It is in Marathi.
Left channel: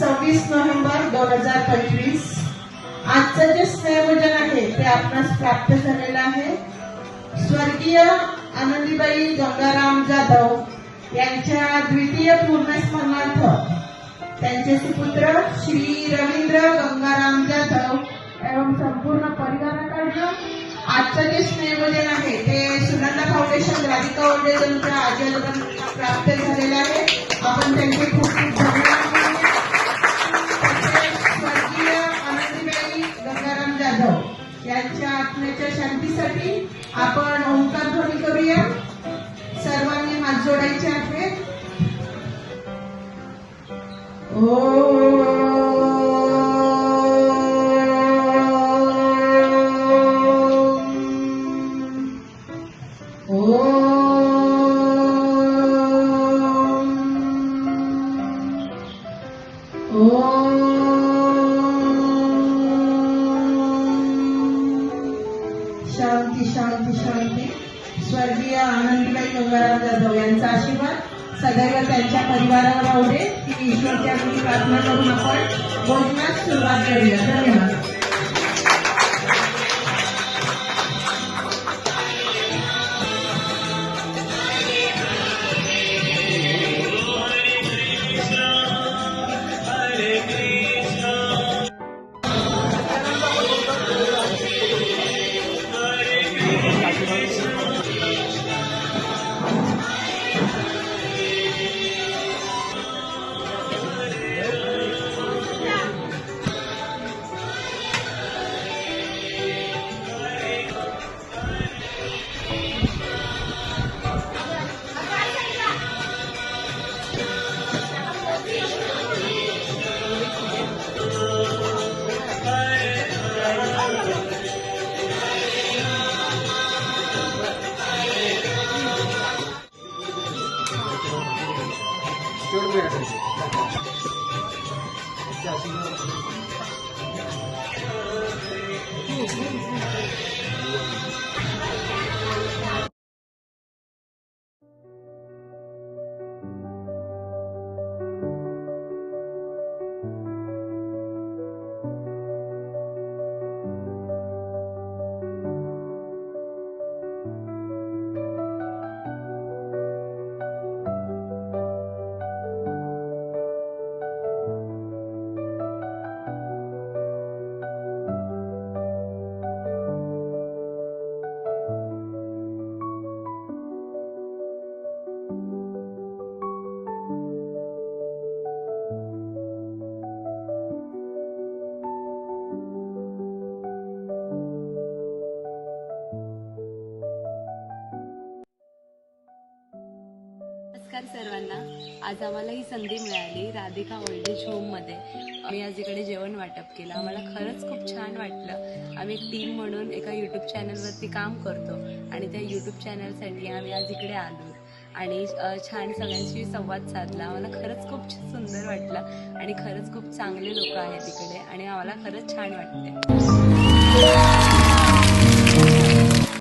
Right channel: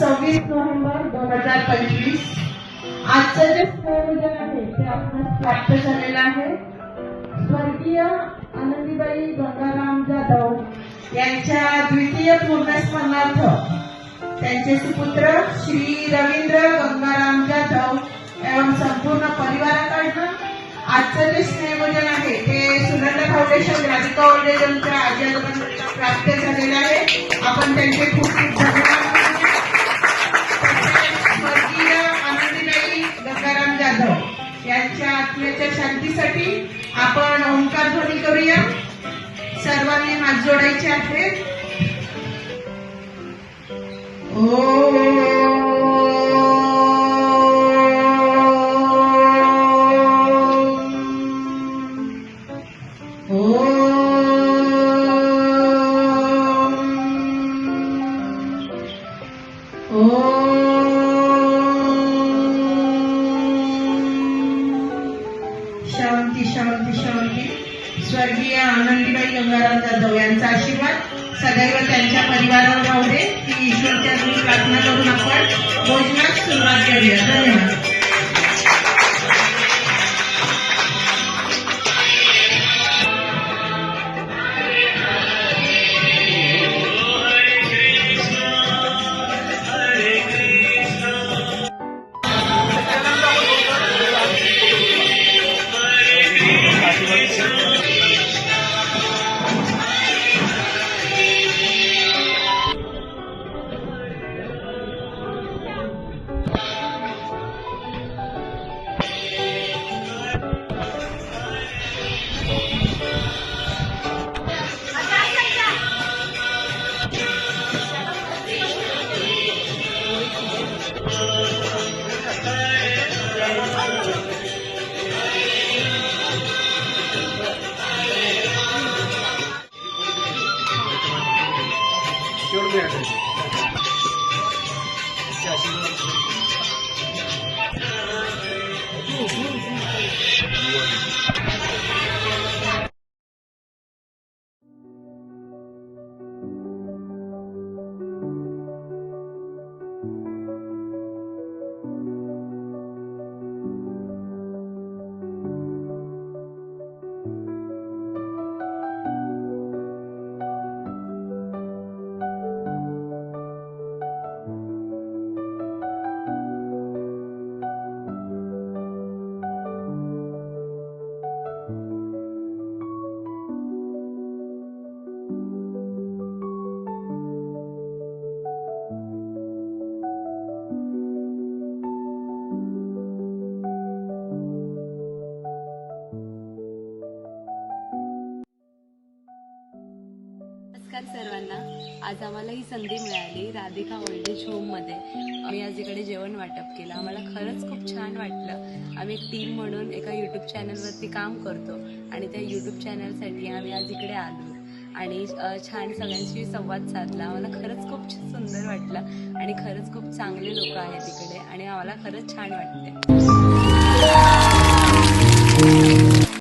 26 नोव्हेंबर 2025. आजचं जे स्नेहभोजन आहे ते आपणास प्राप्त झालेलं आहे. स्वर्गीय आनंदीबाई गंगाराम जाधव यांच्या द्वितीय पूर्णस्मरणार्थ त्यांचे सुपुत्र श्री रवींद्र गंगाराम जाधव एवं संपूर्ण परिवाराकडनं आजचं जे स्नेहभोजन आहे ते सुनंदा फाउंडेशन राधिका ओल्ड एजच्या आजी आजोबांना प्राप्त झालेले आहे. आपण त्यांचे खूप खूप धन्यवाद. स्वर्गीय आनंदीबाई गंगाराम जाधव यांच्या आत्म्याच्या शांतीसाठी आपण ओंकार ध्वनी करूया. सर्वांनी हात जोडायचे आहेत. शांती शांती शांती. स्वर्गीय आनंदीबाई गंगाराम जाधव यांचा आशीर्वाद सदैव त्यांच्या परिवारावर राहू दे ही ईश्वरच्या प्रार्थना करून आपण भोजनास सुरुवात करूया. धन्यवाद. नमस्कार सर्वांना. आज आम्हाला ही संधी मिळाली राधिका ओल्ड एज होममध्ये. आम्ही आज इकडे जेवण वाटप केलं. आम्हाला खरंच खूप छान वाटलं. आम्ही एक टीम म्हणून एका यूट्यूब चॅनलवरती काम करतो आणि त्या यूट्यूब चॅनलसाठी आम्ही आज इकडे आलो आणि छान सगळ्यांशी संवाद साधला. आम्हाला खरंच खूप सुंदर वाटलं आणि खरंच खूप चांगले लोक आहेत इकडे आणि आम्हाला खरंच छान वाटते.